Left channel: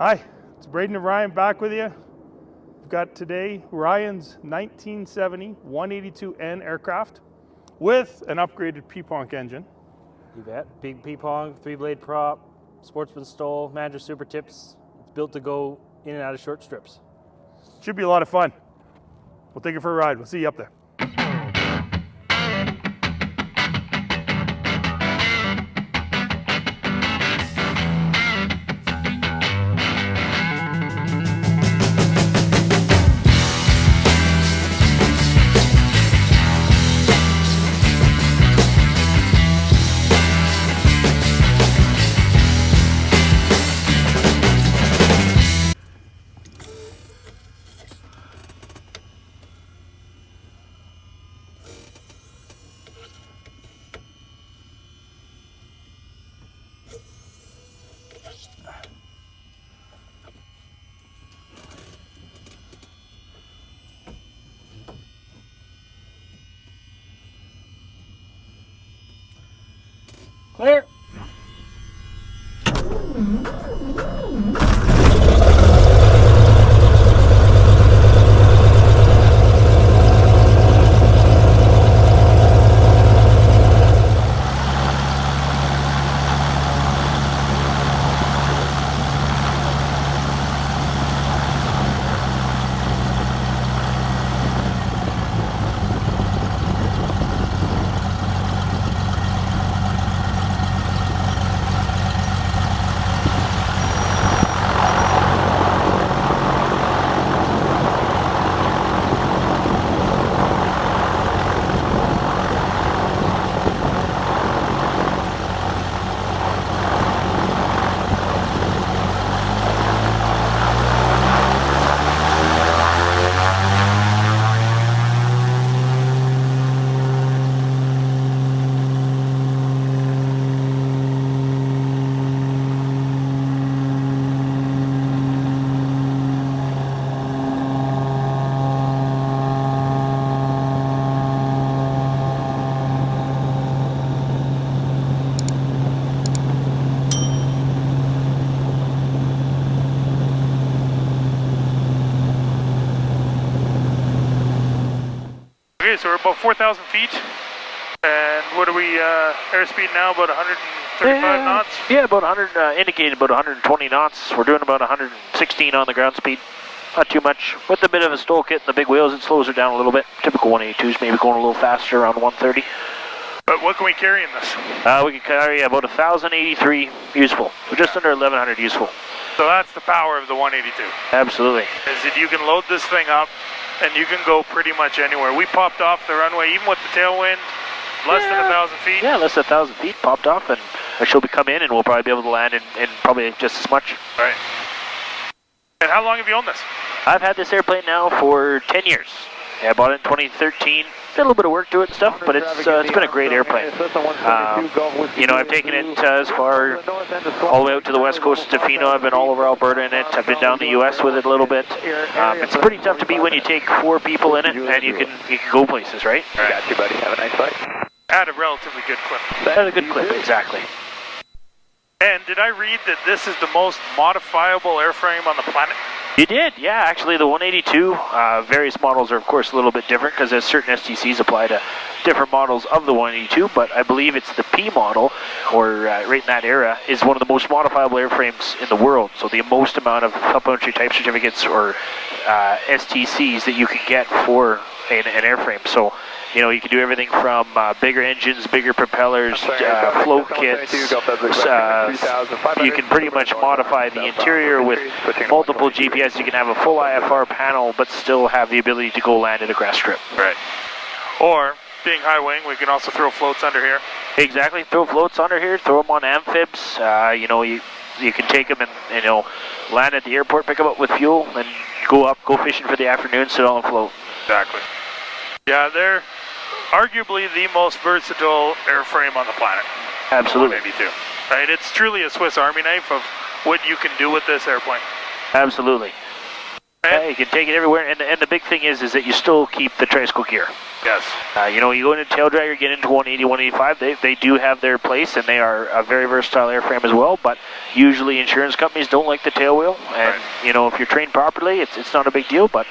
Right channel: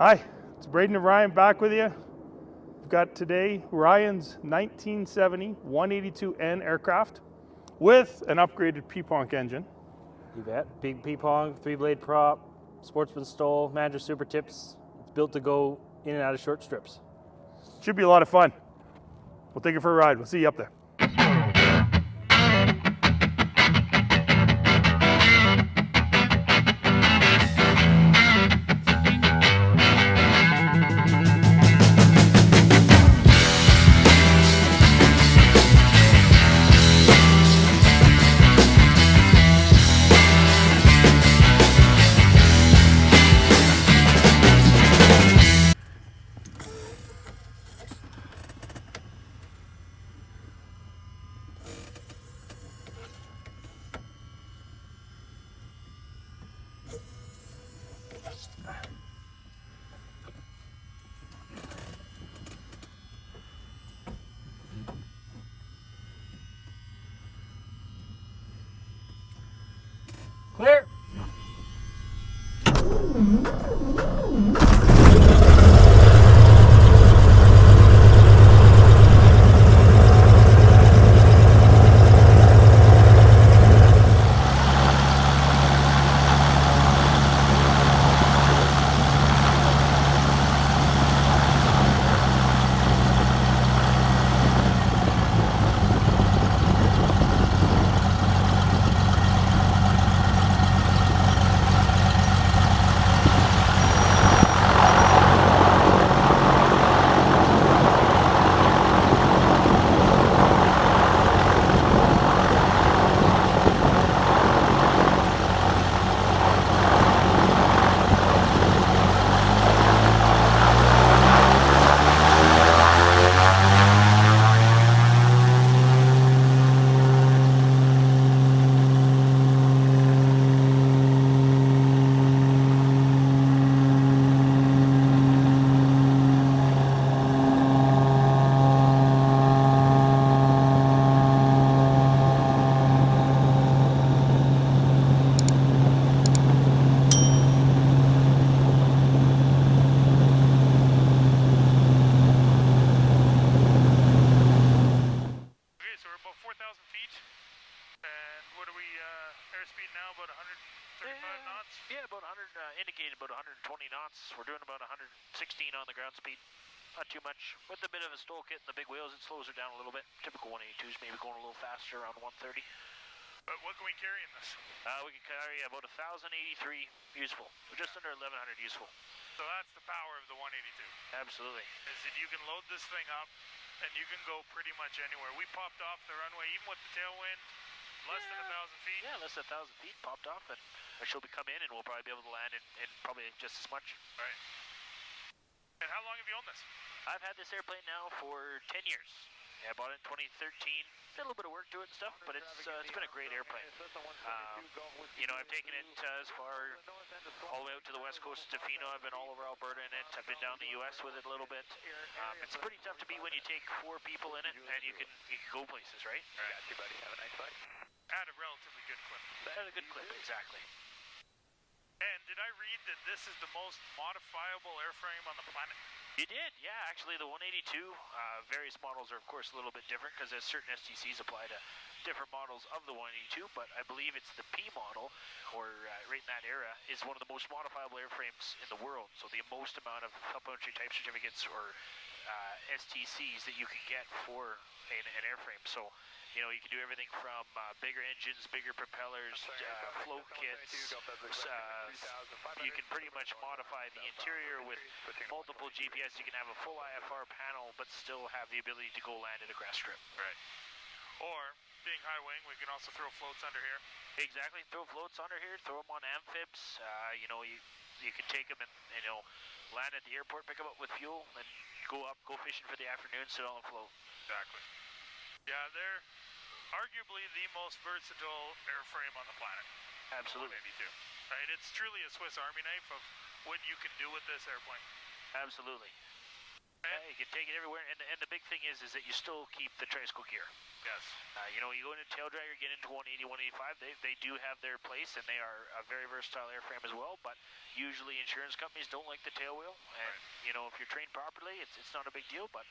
Hi, it's Braden and Ryan back with you. We've got today Ryan's 1970 182N aircraft with an upgraded P-Ponk engine. You bet. Big P-Ponk, 3-blade prop, sportsman STOL, manager super tips. It's built to go in and out of short strips. Should be a lot of fun. We'll take it for a ride. We'll see you up there. Clear. Okay, so we're about 4,000 feet. And what are we, airspeed now, about 135 knots? Yeah, about 100, indicated about 120 knots. We're doing about 116 on the ground speed. Not too much. With a bit of a STOL kit and the big wheels, it slows her down a little bit. Typical 182s, maybe going a little faster around 130. But what can we carry in this? We can carry about 1,083 useful. So just under 1,100 useful. So that's the power of the 182. Absolutely. Is that you can load this thing up and you can go pretty much anywhere. We popped off the runway, even with the tailwind, less than 1,000 feet. Yeah, less than 1,000 feet, popped off, and she'll be come in, and we'll probably be able to land in probably just as much. Right. And how long have you owned this? I've had this airplane now for 10 years. Yeah, I bought it in 2013. Did a little bit of work to it and stuff, but it's been a great airplane. You know, I've taken it as far all the way out to the west coast of Tofino. I've been all over Alberta in it. I've been down the U.S. with it a little bit. It's pretty tough to beat when you take 4 people in it, and you can go places, right? Got you, buddy. Have a nice flight. At a relatively good clip. At a good clip, exactly. And did I read that this is the most modifiable airframe on the planet? You did, yeah. Actually, the 182, various models are, of course, a little bit different because there's certain STCs apply to different models of the 182, but I believe it's the P model, or right in that era, is one of the most modifiable airframes in the world. So the most amount of supplementary type certificates or STCs that you can get for an airframe. So, you know, you can do everything from bigger engines, bigger propellers, float kits. You can pretty much modify the interior with multiple GPS. You can have a full IFR panel, but still have the ability to go land at a grass strip. Right. Or, being high wing, we can also throw floats under here. Exactly. Throw floats under here. Throw them on amphibs. You know, you can take them and, you know, land at the airport, pick them up with fuel, and go fishing for the afternoon, sit on a float. Exactly. Yeah, they're arguably the most versatile airframe on the planet. Absolutely. Maybe two. Right? It's truly a Swiss Army knife of what you can do with this airplane. Absolutely. And you can take it everywhere, and the big thing is that you still keep the tricycle gear. Yes. You know, you go into tail dragger, get into 180, 185, they do have their place, and they are a very versatile airframe as well, but usually insurance companies don't like the tail wheel, and, you know, if you're trained properly, it's not a big deal, but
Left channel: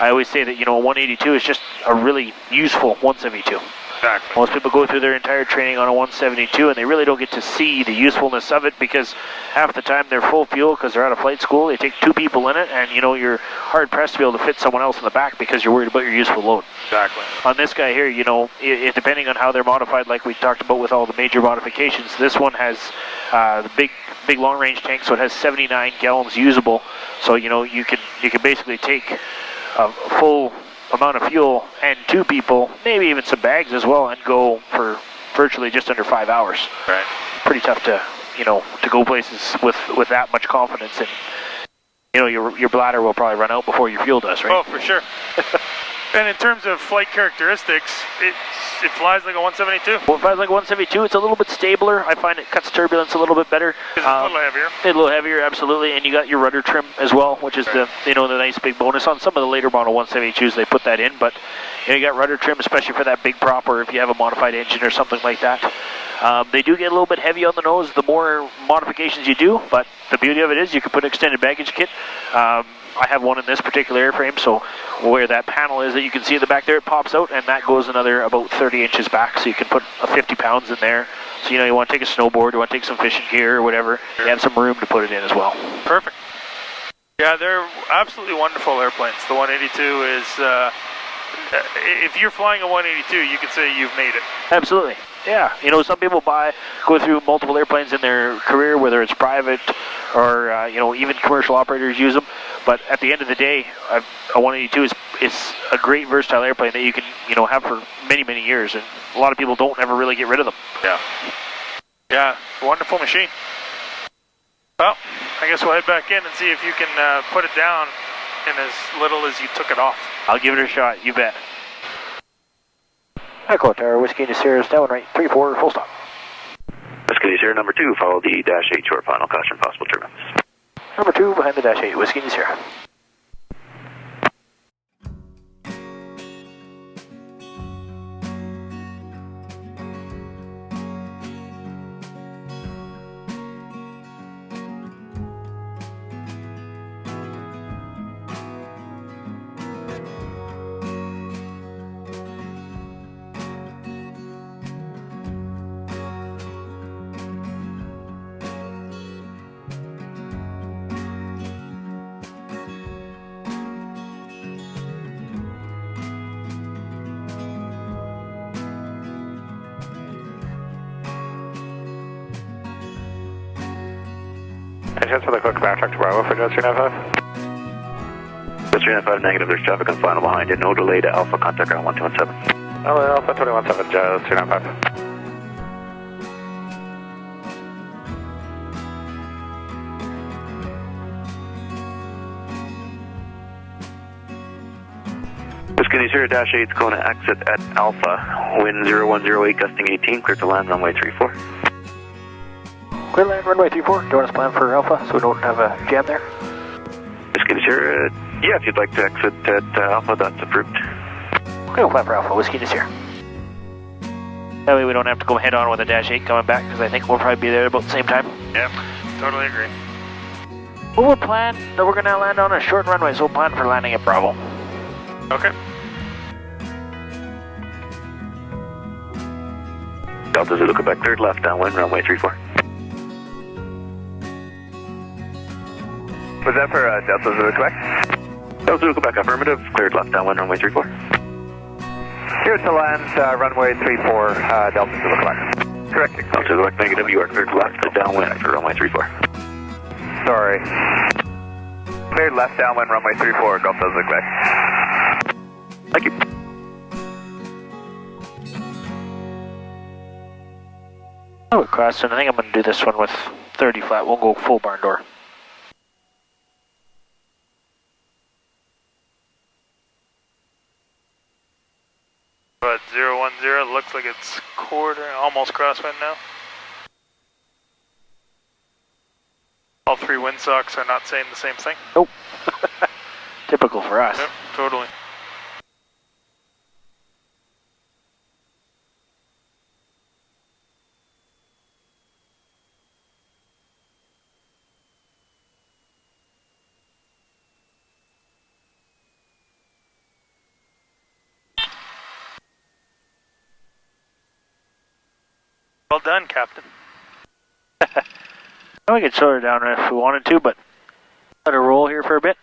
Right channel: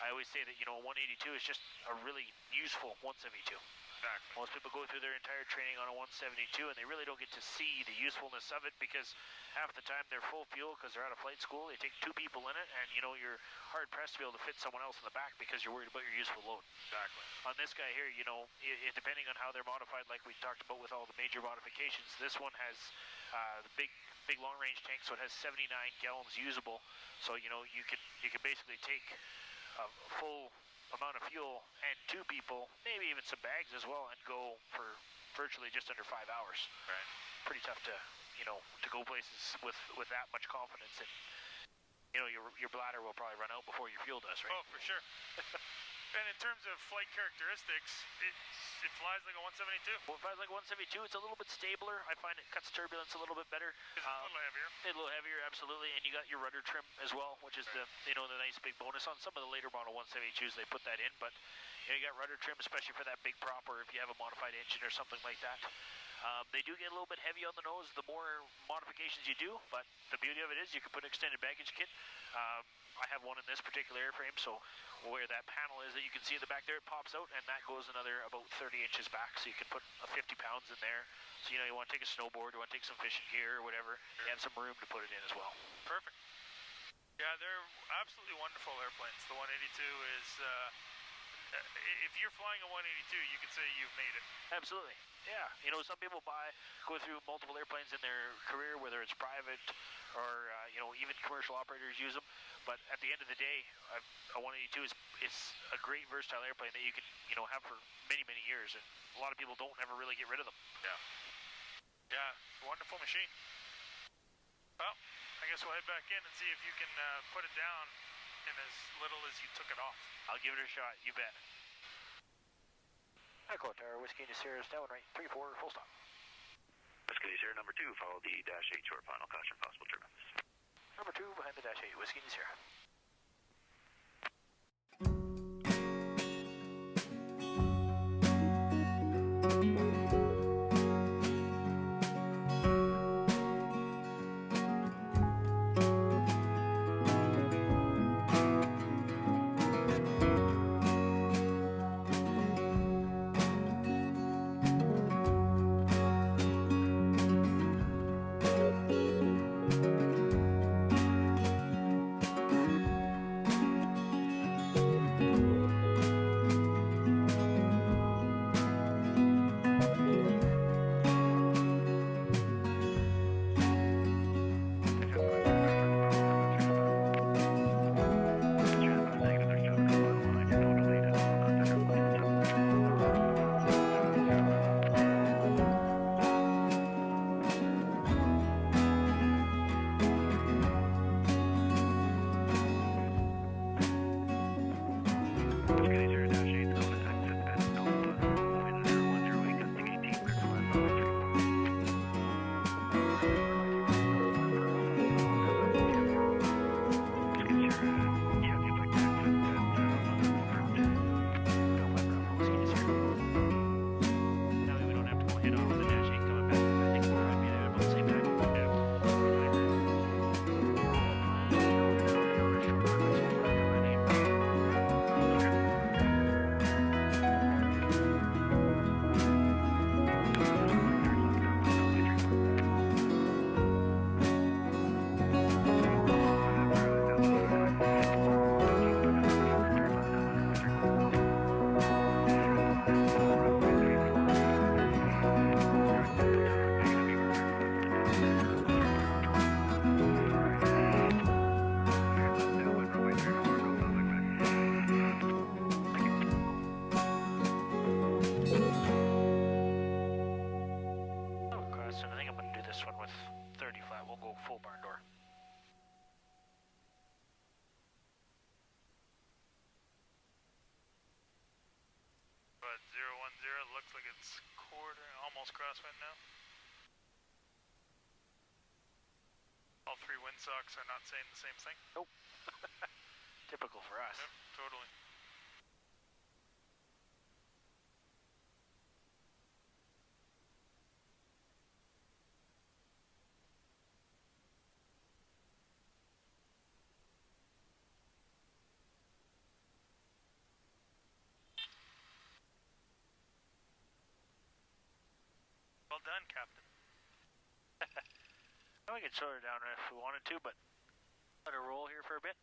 I always say that, you know, a 182 is just a really useful 172. Exactly. Most people go through their entire training on a 172 and they really don't get to see the usefulness of it, because half the time they're full fuel because they're out of flight school. They take 2 people in it, and you know, you're hard pressed to be able to fit someone else in the back because you're worried about your useful load. Exactly. On this guy here, you know, depending on how they're modified, like we talked about with all the major modifications, this one has the big long range tank, so it has 79 gallons usable. So you know, you can basically take a full amount of fuel and 2 people, maybe even some bags as well, and go for virtually just under 5 hours. Right. Pretty tough to, you know, to go places with that much confidence, and you know, your bladder will probably run out before your fuel does, right? Oh, for sure. And in terms of flight characteristics, it flies like a 172. Well, it flies like a 172. It's a little bit stabler. I find it cuts turbulence a little bit better. It's a little heavier. A little heavier, absolutely. And you got your rudder trim as well, which is the, you know, the nice big bonus. On some of the later model 172s, they put that in, but you know, you got rudder trim, especially for that big prop, or if you have a modified engine or something like that. They do get a little bit heavy on the nose the more modifications you do, but the beauty of it is you can put an extended baggage kit. I have one in this particular airframe, so where that panel is that you can see in the back there, it pops out, and that goes another about 30 inches back, so you can put 50 pounds in there. So, you know, you want to take a snowboard, you want to take some fishing gear or whatever, you have some room to put it in as well. Perfect. Yeah, they're absolutely wonderful airplanes. The 182 is, if you're flying a 182, you could say you've made it. Absolutely. Yeah, you know, some people go through multiple airplanes in their career, whether it's private or, you know, even commercial operators use them. But at the end of the day, a 182 is a great versatile airplane that you can, you know, have for many, many years. And a lot of people don't ever really get rid of them. Yeah. Yeah, wonderful machine. Well, I guess we'll head back in and see if you can put it down in as little as you took it off. I'll give it a shot, you bet. Echo Tower, Whiskey into Sierra, down right, 3-4, full stop. Whiskey into Sierra, number 2, follow the dash 8 short final caution, possible turbulence. Number 2, behind the dash 8, Whiskey into Sierra. Chance for the quick backtrack to Bravo for Jet 395. Jet 395 negative, there's traffic on final behind you. No delay to Alpha, contact ground 1217. Oh, Alpha 217, Jet 395. Whiskey 0 dash 8's Kona exit at Alpha. Wind 0108, gusting 18, clear to land runway 34. Clear land, runway 34. Join us plan for Alpha so we don't have a jam there. Whiskey 0, yeah, if you'd like to exit at Alpha, that's approved. We'll plan for Alpha, Whiskey is here. That way we don't have to go head on with the dash 8 coming back, because I think we'll probably be there about the same time. Yep, totally agree. Well, we'll plan that we're going to land on a short runway, so we'll plan for landing at Bravo. Okay. Delta Zulu Quebec, third left downwind, runway 34. Was that for Delta Zulu Quebec? Delta Zulu Quebec, affirmative, cleared left downwind, runway 34. Here to land, runway 34, Delta Zulu Quebec. Correct. Delta Zulu Quebec, negative, you are cleared left downwind for runway 34. Sorry. Cleared left downwind, runway 34, Delta Zulu Quebec. Thank you. Oh, Crosson, I think I'm going to do this one with 30 flat. We'll go full barn door. But 010 looks like it's almost crosswind now. All 3 windsocks are not saying the same thing. Nope. Typical for us. Yep, totally. Well done, Captain. We could slow her down if we wanted to, but let her roll here for a bit.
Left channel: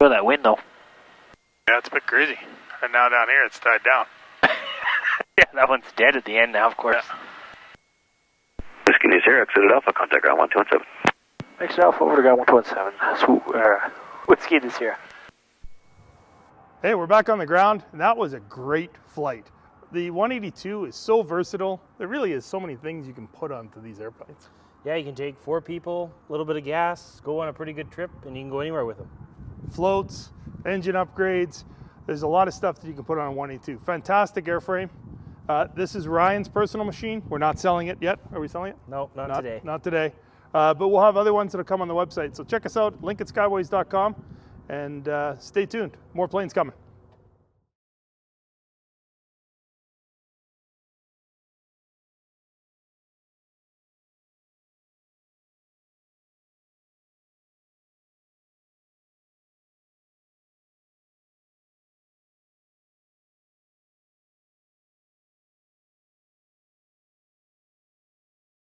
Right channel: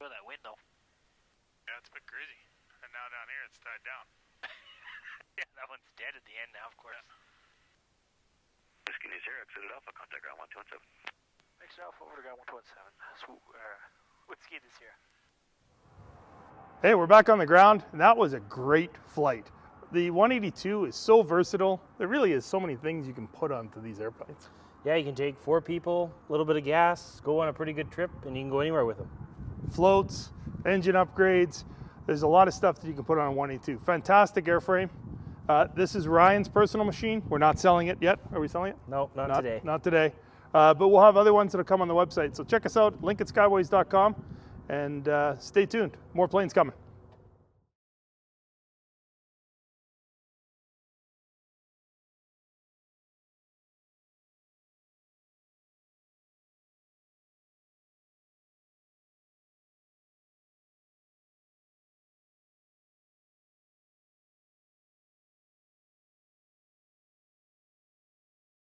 Feel that wind though. Yeah, it's a bit crazy. And now down here, it's tied down. Yeah, that one's dead at the end now, of course. Yeah. Whiskey News here, exited Alpha, contact ground 1217. Next off, over to ground 117. Whiskey this here. Hey, we're back on the ground, and that was a great flight. The 182 is so versatile. There really is so many things you can put onto these airplanes. Yeah, you can take 4 people, a little bit of gas, go on a pretty good trip, and you can go anywhere with them. Floats, engine upgrades. There's a lot of stuff that you can put on a 182. Fantastic airframe. This is Ryan's personal machine. We're not selling it yet. Are we selling it? No, not today. Not today. But we'll have other ones that'll come on the website. So check us out, link at skyways.com, and stay tuned. More planes coming.